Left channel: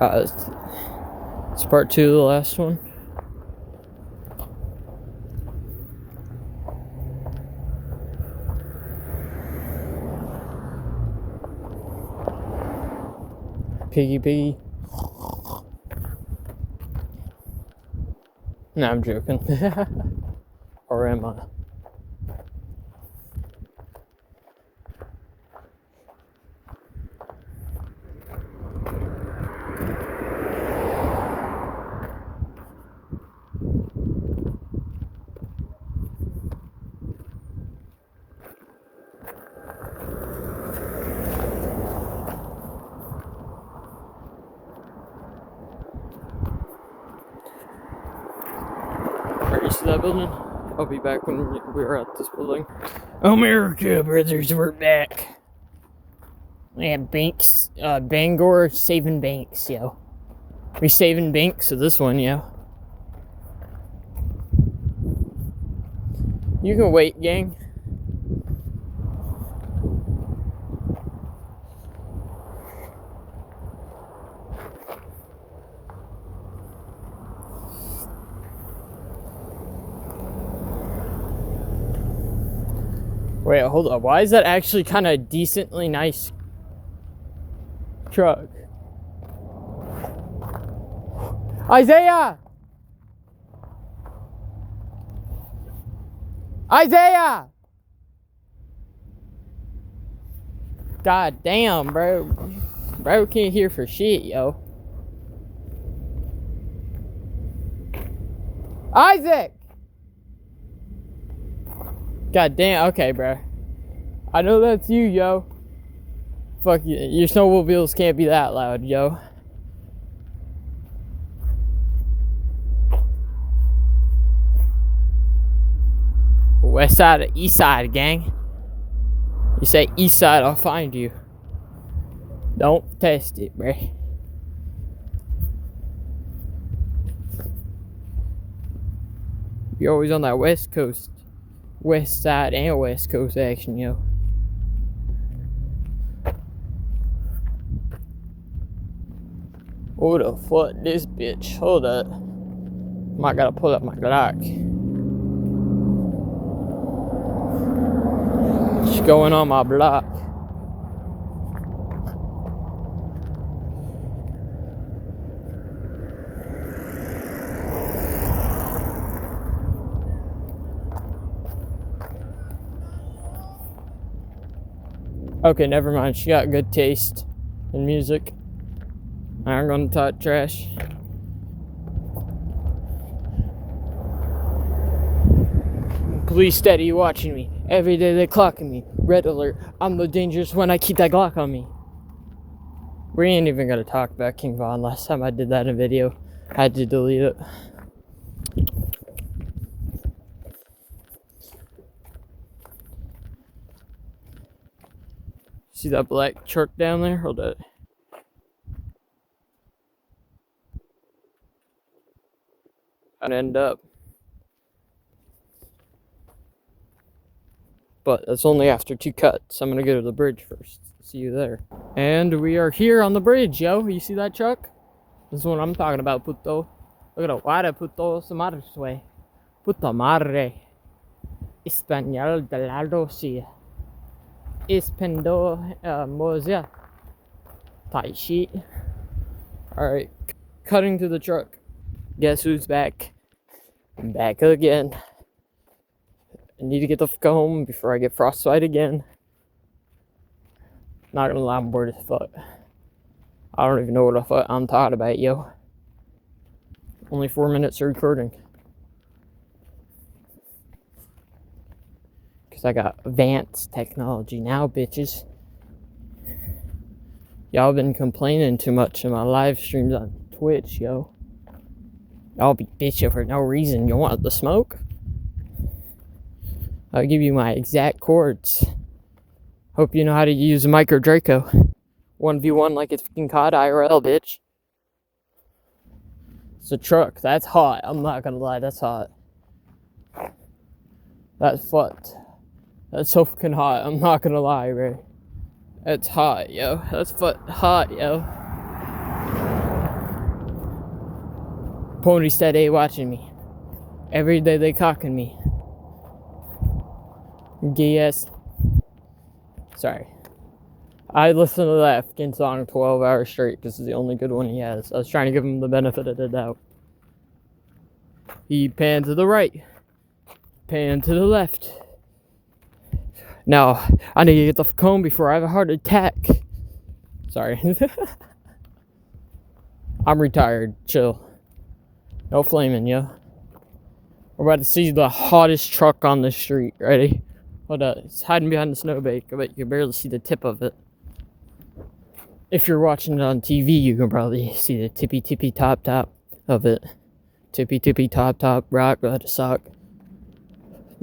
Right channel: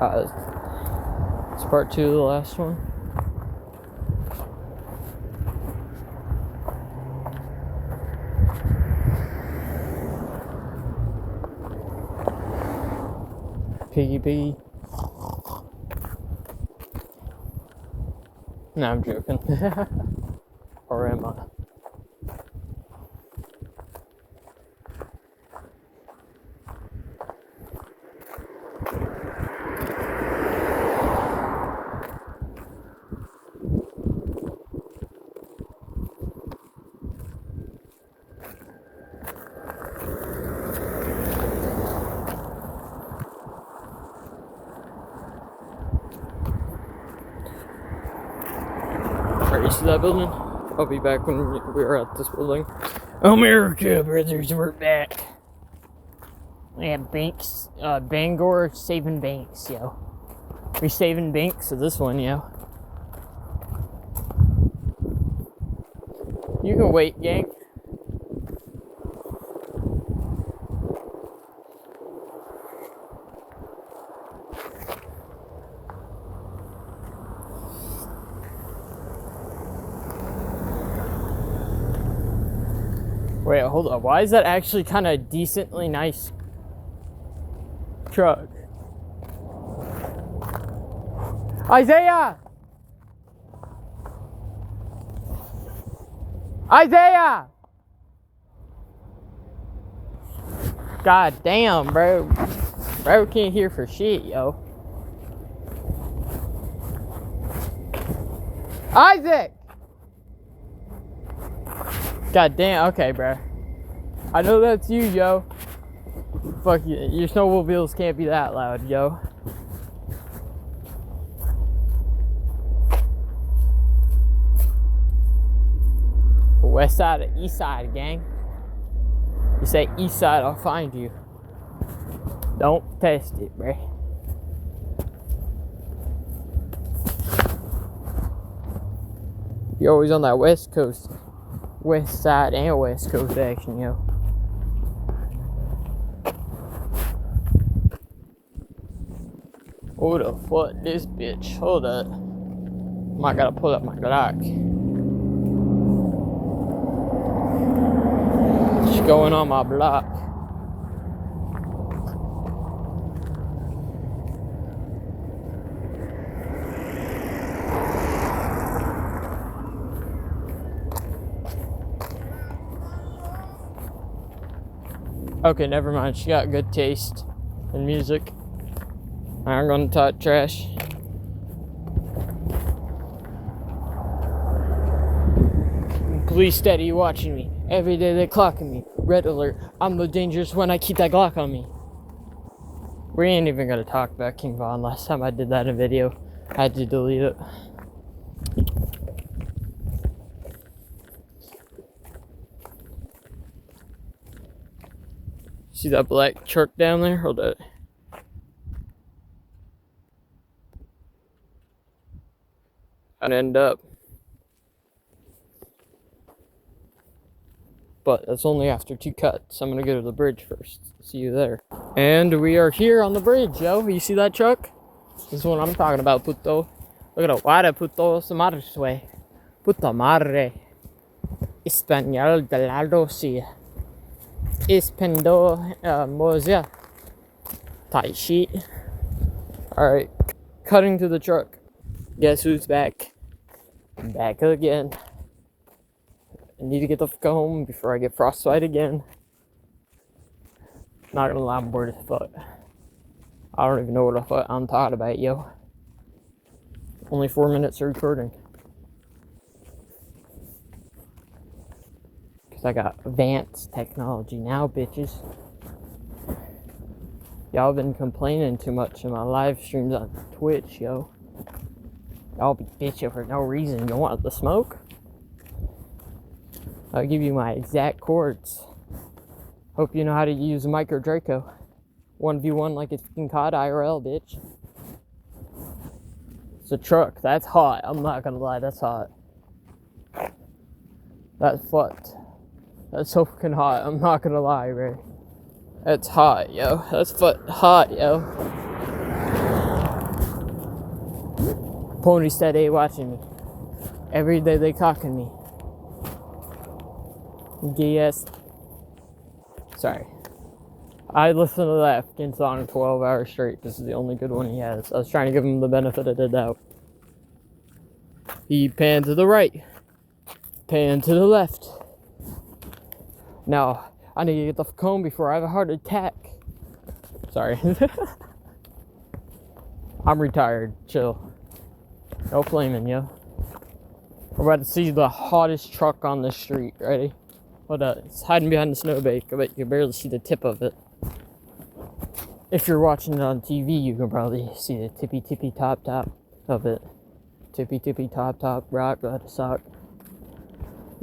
It's part 2 of the last one. Piggy. No, I'm joking. Or am I? You see that building? I'll be back when we're at this building. America, brothers, we're back. We have banks, Bangor saving banks, yo. We saving banks of this one, yo. You can wait, gang. Wait, hold on. Why is that actually kind of decently nice truck? Isaiah! God damn, bro. Bro can't hear for shit, yo. Isaac! God damn, okay, bro. I know that's you, yo. Fuck you. Your snowmobiles can't be that loud, yo. West side or east side, gang? You say east side, I'll find you. Don't test it, bro. You're always on that west coast. West side and west coast action, yo. Who the fuck this bitch? Hold up. I gotta pull up my Glock. What's going on my block? Okay, never mind. She got good taste in music. I'm gonna talk trash. Police steady watching me. Every day they clocking me. Red alert. I'm the dangerous one. I keep that Glock on me. We ain't even gonna talk about King Von. Last time I did that in a video, I had to delete it. See that black truck down there? Hold up. I'd end up. But that's only after 2 cuts. I'm gonna go to the bridge first. See you there. And we are here on the bridge, yo. You see that truck? This is what I'm talking about, puto. Look at it. Why puto se marche? Puta madre. Español de la Rosia. Espendo Mozia. Tight sheet. Alright. Cutting to the truck. Guess who's back? I'm back again. I need to get the fuck home before I get frostbite again. Not gonna lie, I'm bored as fuck. I don't even know what the fuck I'm talking about, yo. Only 4 minutes of recording. Cause I got advanced technology now, bitches. Y'all been complaining too much in my live streams on Twitch, yo. Y'all be bitching for no reason. You want the smoke? I'll give you my exact chords. Hope you know how to use a Micro Draco. 1v1 like it's fucking COD IRL, bitch. It's a truck. That's hot. I'm not gonna lie, that's hot. That's fucked. That's so fucking hot. I'm not gonna lie, bro. That's hot, yo. That's hot, yo. Pony steady watching me. Every day they cocking me. Yes. Sorry. I listened to that fucking song 12 hours straight. This is the only good one he has. I was trying to give him the benefit of the doubt. He panned to the right. Pan to the left. Now, I need to get the comb before I have a heart attack. Sorry. I'm retired. Chill. No flaming, yo. We're about to see the hottest truck on the street. Ready? Hold up. It's hiding behind the snowbank. I bet you can barely see the tip of it. If you're watching it on TV, you can probably see the tippy top of it. Tippy top, rock, let it suck.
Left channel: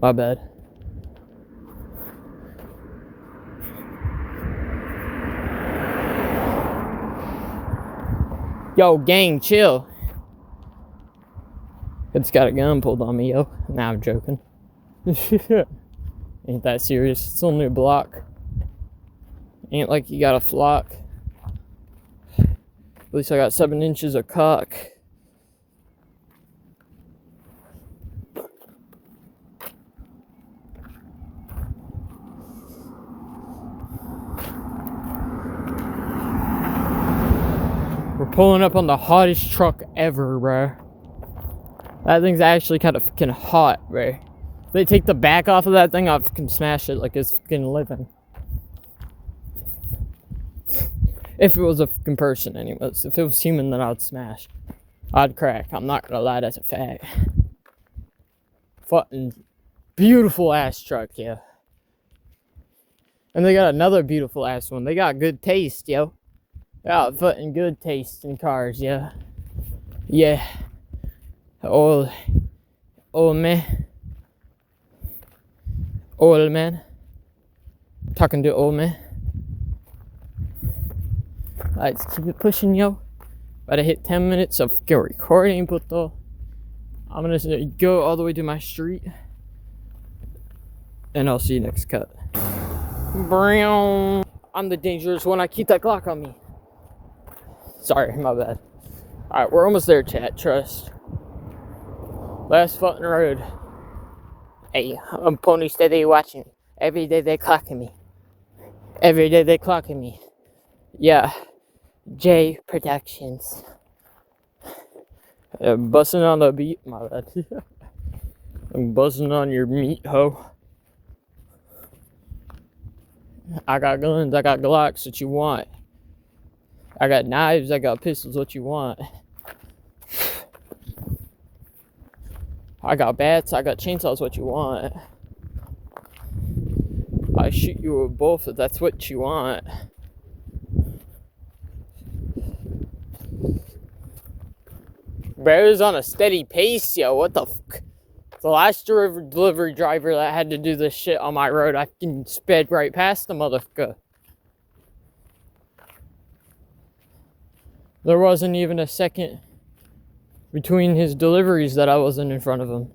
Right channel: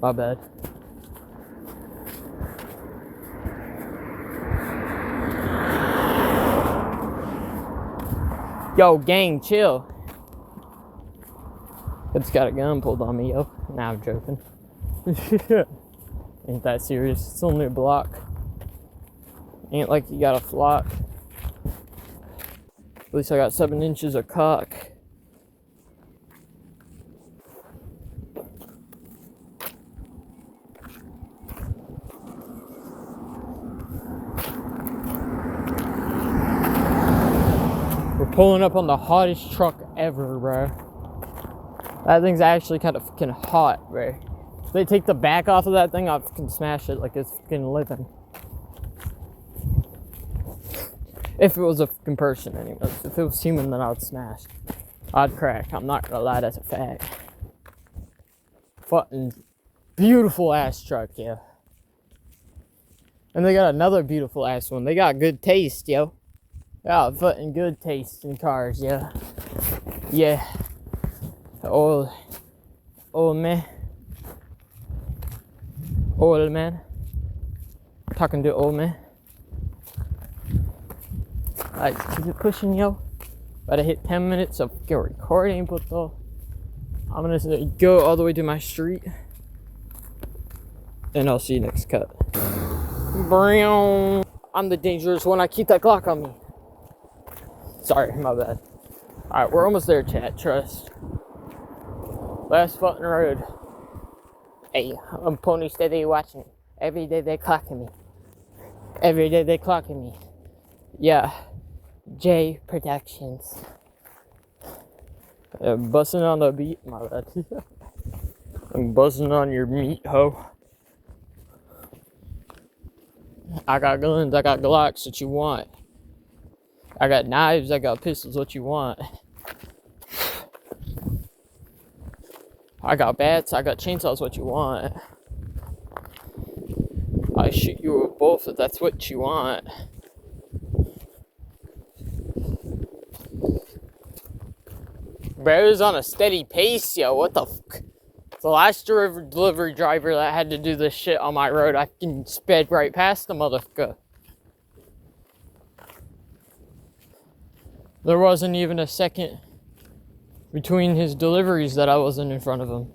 My bad. Yo, gang, chill. It's got a gun pulled on me, yo. Nah, I'm joking. Ain't that serious. It's only a block. Ain't like you got a flock. At least I got 7 inches of cock. We're pulling up on the hottest truck ever, bruh. That thing's actually kind of fucking hot, bruh. If they take the back off of that thing, I'll fucking smash it like it's fucking living. If it was a fucking person, anyways. If it was human, then I'd smash. I'd crack. I'm not gonna lie, that's a fact. Fucking beautiful ass truck, yeah. And they got another beautiful ass one. They got good taste, yo. They got fucking good taste in cars, yeah. Yeah. Old man. Old man. Talking to old man. Alright, let's keep it pushing, yo. About to hit 10 minutes of recording, but though I'm gonna go all the way to my street. And I'll see you next cut. I'm the dangerous one. I keep that Glock on me. Sorry, my bad. Alright, we're almost there, chat. Trust. Last fucking road. Hey, I'm Pony steady watching. Every day they clocking me. Every day they clocking me. Yeah. J Productions. Busting on the beat. My bad. I'm buzzing on your meat, ho. I got guns, I got Glocks, what you want? I got knives, I got pistols, what you want? I got bats, I got chainsaws, what you want? I shoot you with both if that's what you want. Bro's on a steady pace, yo. What the fuck? The last delivery driver that had to do this shit on my road, I can sped right past the motherfucker. There wasn't even a second between his deliveries that I wasn't in front of him.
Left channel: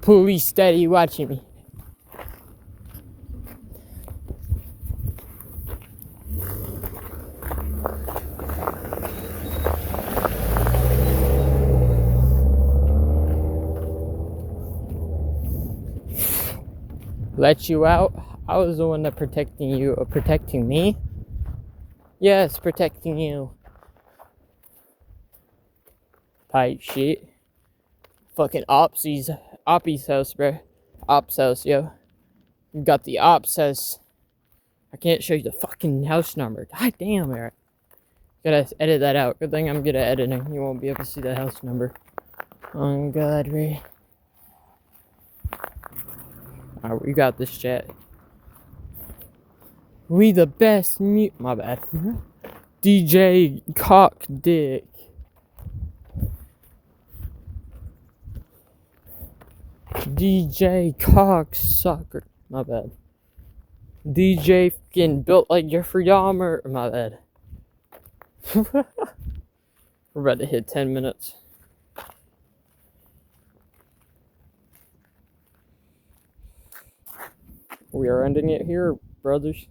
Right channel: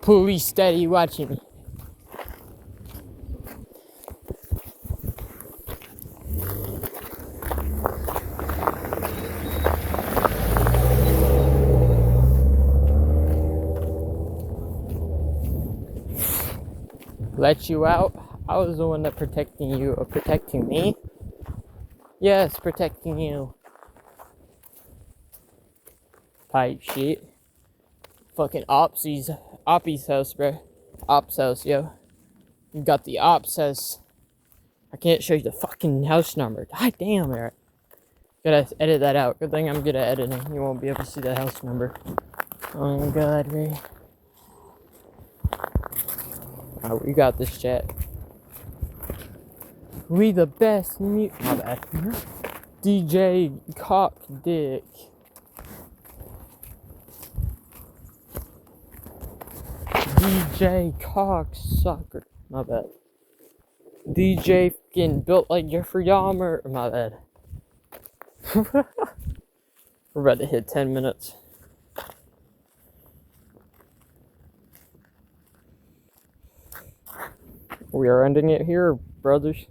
Police steady watching me. Let you out? I was the one that protecting you, or protecting me? Yes, protecting you. Pipe shit. Fucking Oppie's house, bro. Ops house, yo. You got the Ops house. I can't show you the fucking house number. God damn it. Gotta edit that out. Good thing I'm good at editing. You won't be able to see the house number. Oh god, Ray. Alright, we got this, chat. We the best My bad. DJ Cock Dick. DJ Cocksucker. My bad. DJ fucking built like Jeffrey Dahmer. My bad. We're about to hit 10 minutes. We are ending it here, brothers.